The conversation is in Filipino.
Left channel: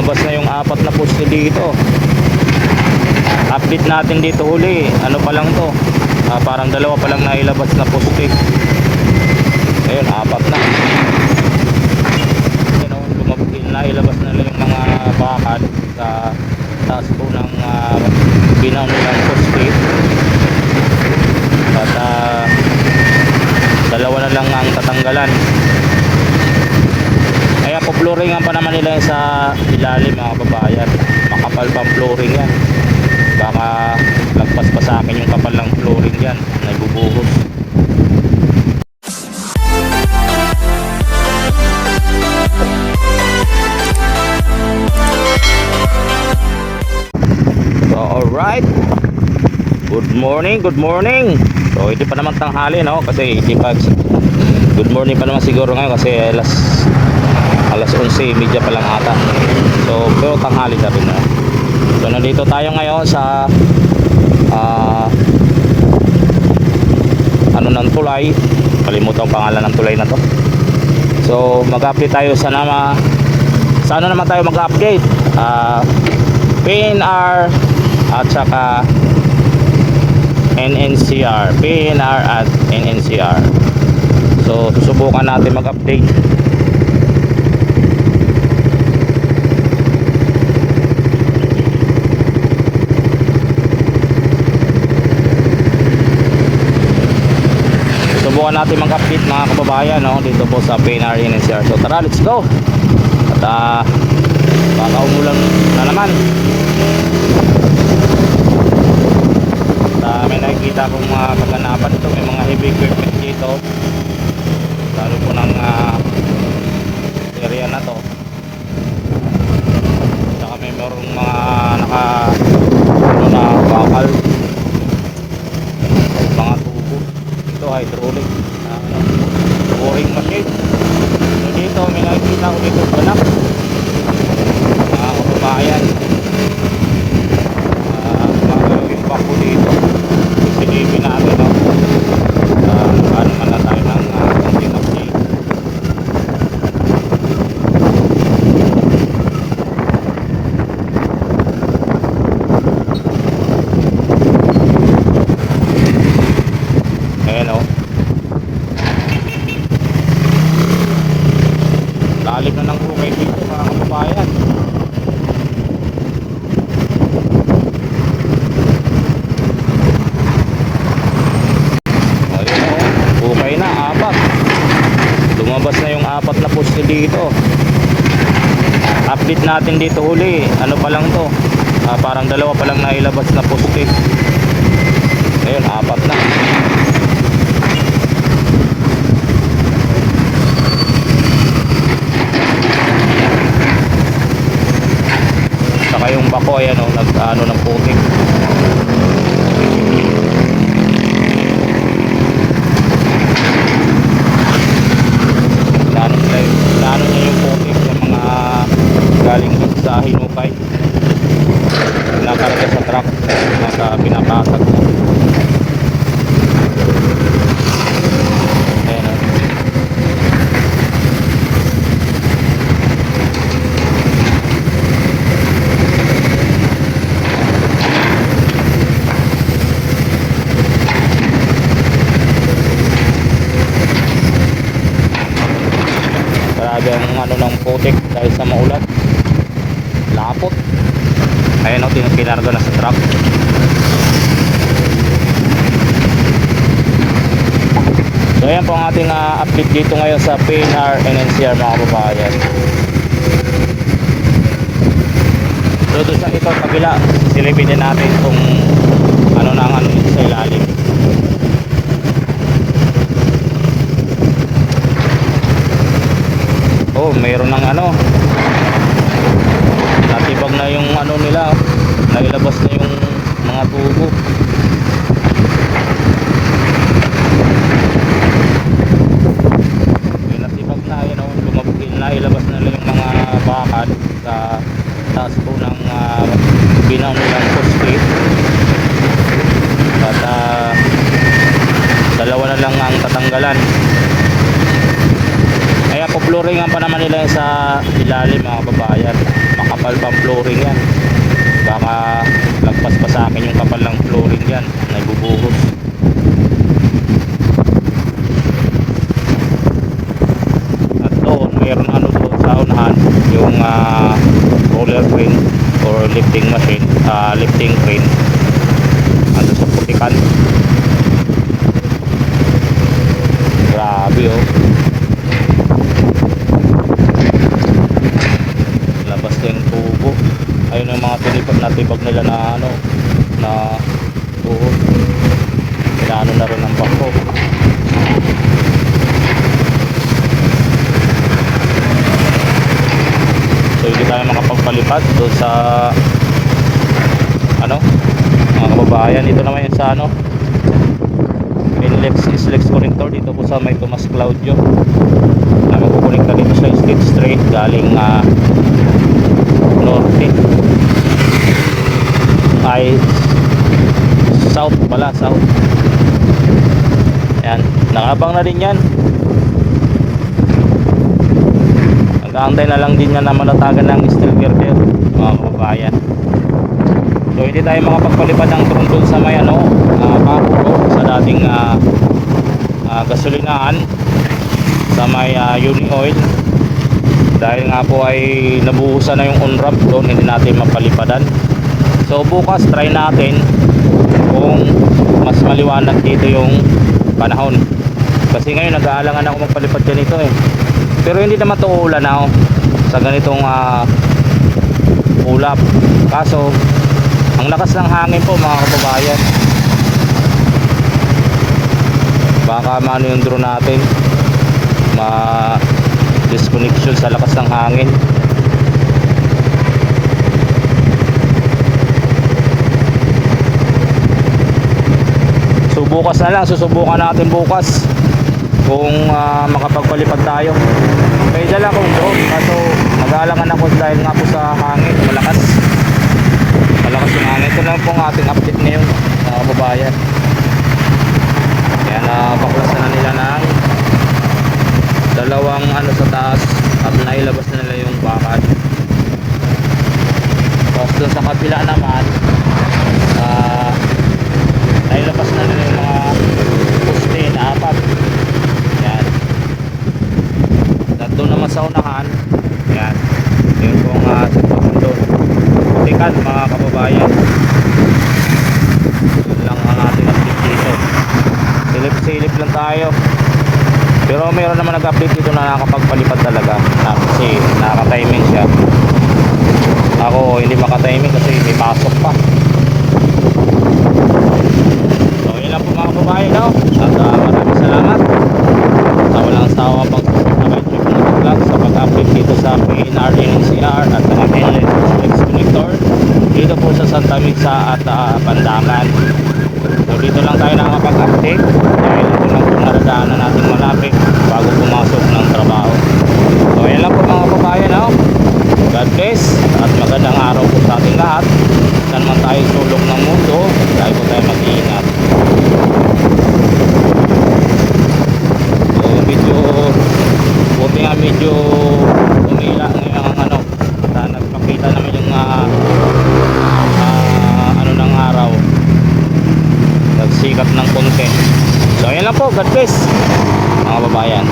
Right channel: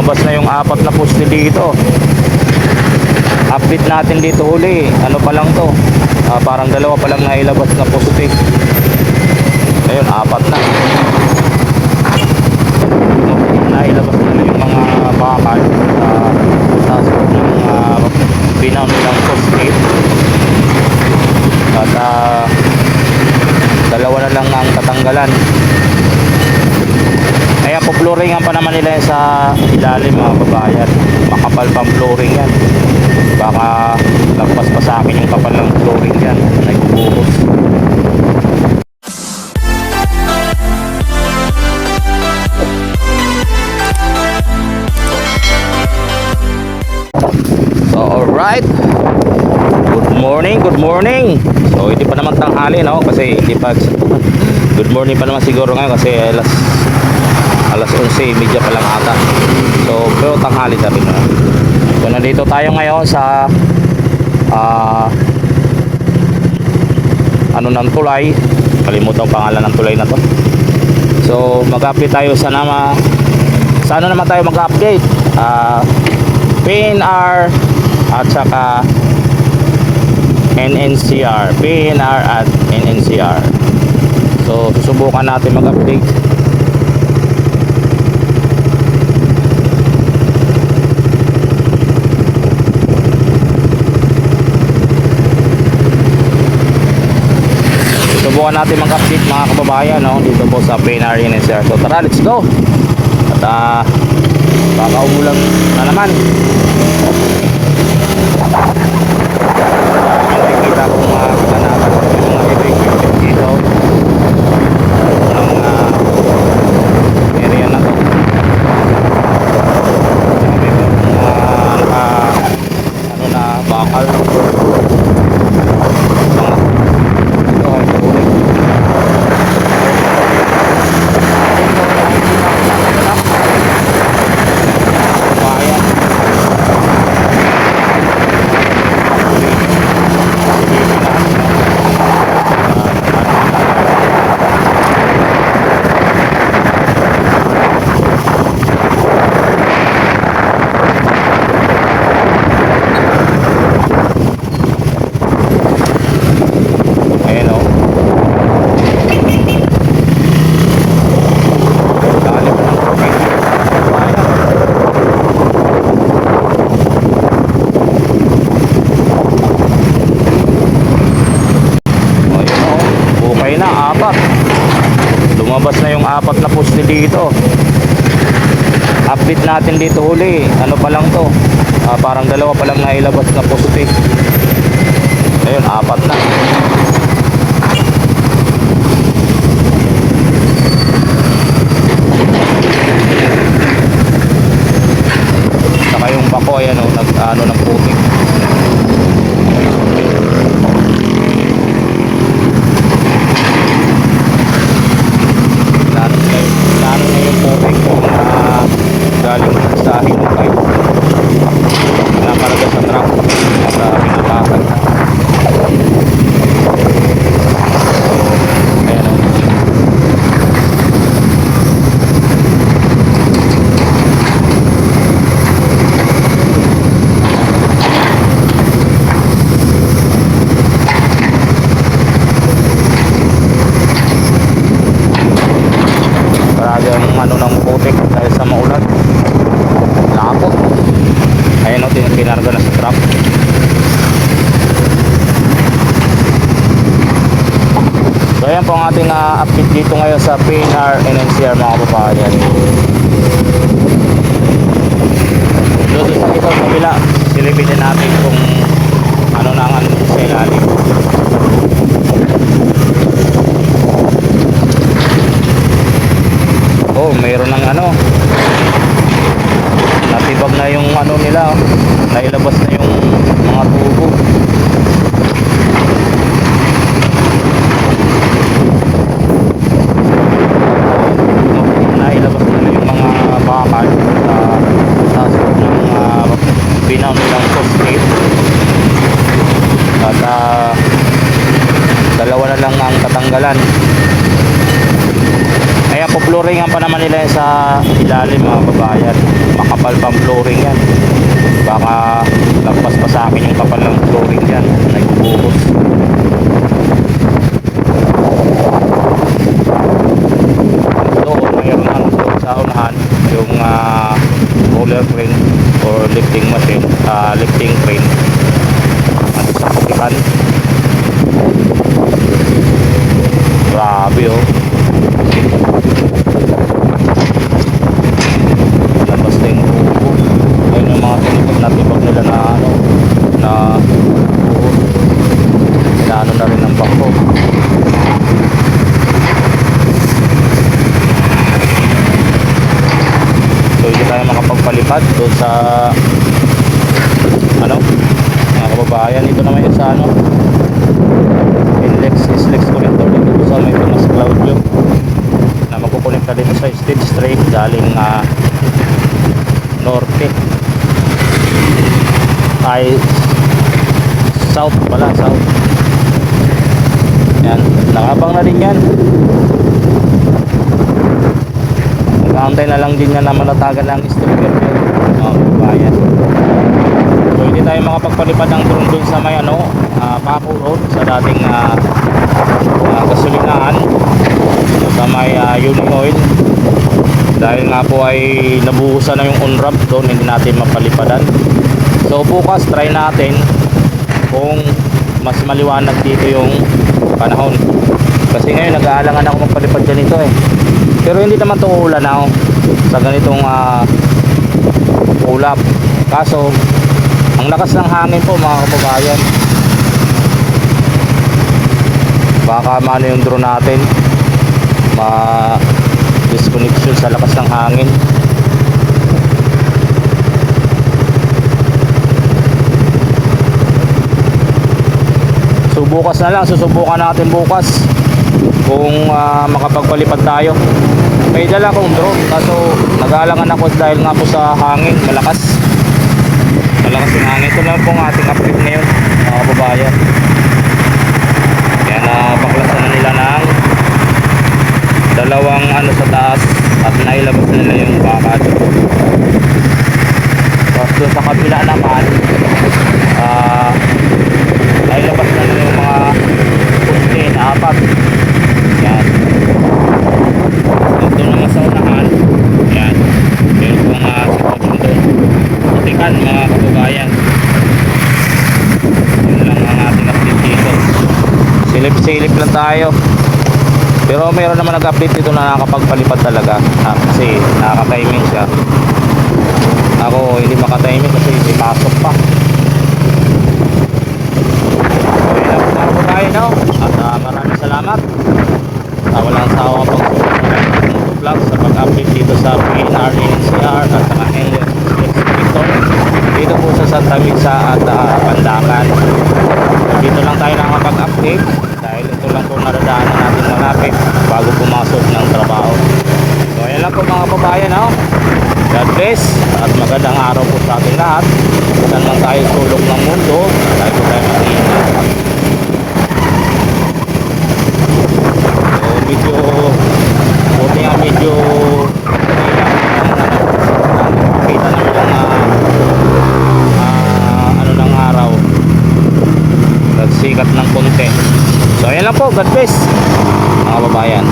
lumabas na yung 4 na poste dito. Update natin dito huli, ano pa lang to, parang 2 pa lang nailabas na poste. Ngayon 4 na. Nailabas nila yung mga bakal sa taas ng binaw nilang poste. At 2 na lang ang tatanggalan. Kaya po-flooringan pa naman nila sa ilalim, mga kabayan. Makapal pang flooring yan. Baka lagpas pa sa akin yung kapal ng flooring yan, nagbubuhos. So alright, good morning, good morning. So hindi pa naman tanghali, no? Kasi hindi pa good morning pa naman siguro ngayon kasi alas 11:30 pa lang ata. So pero tanghali na rin, no? So nandito tayo ngayon sa ano ng tulay, kalimutan ang pangalan ng tulay na to. So mag-update tayo sa ano naman tayo mag-update, PNR at saka NNCR, PNR at NNCR. So susubukan natin mag-update. Subukan natin mag-update, mga kababayan, no? Dito po sa PNR NNCR. So tara, let's go. At baka umulan na naman. May nakikita akong mga kaganapan. May mga heavy equipment dito. Lalo po ng area na to. Saka may mga na bakal. Mga ito ay ulit. Ulit na rin. Dito may nakikita ako dito sa anak. Kabayan. Papo dito. Silipin natin, no? Ano na ayan, no? Lalim na ng propay dito sa kabayan. Okay na, 4. Lumabas na yung 4 na poste dito. Update natin dito huli, ano pa lang to, parang 2 pa lang nailabas na poste. Ngayon 4 na. Saka yung bako, ayan o, nag-ano ng putik. Inaano niya yung putik yung mga galing sa hinukay, pinakarga sa truck at pinapakag na. Ayan o. Talagang ano ng putik dahil sa maulan, lapot. Ayun o, pinarga na sa truck. So ayan po ang ating update dito ngayon sa PNR NNCR, mga kababayan. Doon sa ito sa kabila, silipin din natin kung ano na ang sa ilalim. Oh, mayroon ng ano, natibag na yung ano nila, nailabas na yung mga tubo. Nailabas na yung mga bakal sa taas ng binaw nilang poste. At 2 na lang ang tatanggalan. Kaya po-flooringan pa naman nila sa ilalim, mga kabayan. makapal pang flooring yan. Baka lagpas pa sa akin yung kapal ng flooring dyan, nagbubuhos. At doon mayroon ano doon sa unahan, yung roller crane or lifting machine, lifting crane ando sa putikan. Grabe oh, labas na yung tubo. Ayun yung mga tulipag na tibag nila na ano, na inaano na rin ang bangko. So hindi tayo makapagpalipad doon sa ano, mga kababayan. Ito naman yung sa ano, Inlex Islex connector dito po sa may Tomas Claudio, na magkukonekta dito sa State Street galing norte ay south pala, south. Yan, nakabang na din yan. Nag-aantay na lang din yan na malatagan ng steel girder, mga kababayan. So hindi tayo makapagpalipad ng drone dun sa may ano, Paco Road, sa dating gasolinahan sa may Uni Oil, dahil nga po ay nabuhusan na yung on-ramp doon, hindi natin mapalipadan. So bukas try natin kung mas maliwanag dito yung panahon, kasi ngayon nag-aalangan ako magpalipad ganito eh. Pero hindi naman to ulan na sa ganitong ulap. Kaso ang lakas ng hangin po mga kababayan, baka maano yung drone natin, disconnection sa lakas ng hangin. So bukas na lang, susubukan natin bukas kung makapagpalipad tayo. May dala akong drone, kaso nag-aalangan ako dahil nga po sa hangin, malakas yung hangin. Ito lang po ang ating update ngayon mga kababayan. Kaya nabaklasan na nila ng dalawang ano sa taas at nailabas na nila yung bakad. Tapos dun sa kabila naman nailabas na nila yung mga poste na apat. Yan. Doon naman sa unahan, yan, yun kung sitwasyon doon, putikan mga kababayan. Yun lang ang ating update dito. Silip-silip lang tayo. Pero mayroon naman nag-update dito na nakakapagpalipad talaga, kasi nakaka-timing siya. Ako hindi maka-timing kasi may pasok pa. So yun lang po mga kababayan, no? At maraming salamat sa walang sawa pang vlog sa pag-update dito sa PNR, NCR at saka NLEX Victor dito po sa Santa Misa at Pandangan. So dito lang tayo nakapag-update dahil ito lang po naradaanan natin malapit bago pumasok ng trabaho. So ayan lang po mga kababayan, no? God bless at magandang araw po sa ating lahat. Saan man tayo sulok ng mundo, tayo po tayo mag-iingat. So medyo buti nga medyo umila ng ano, nakita namin yung ano ng araw, nagsikat ng konti. So ayan lang po, God bless mga kababayan.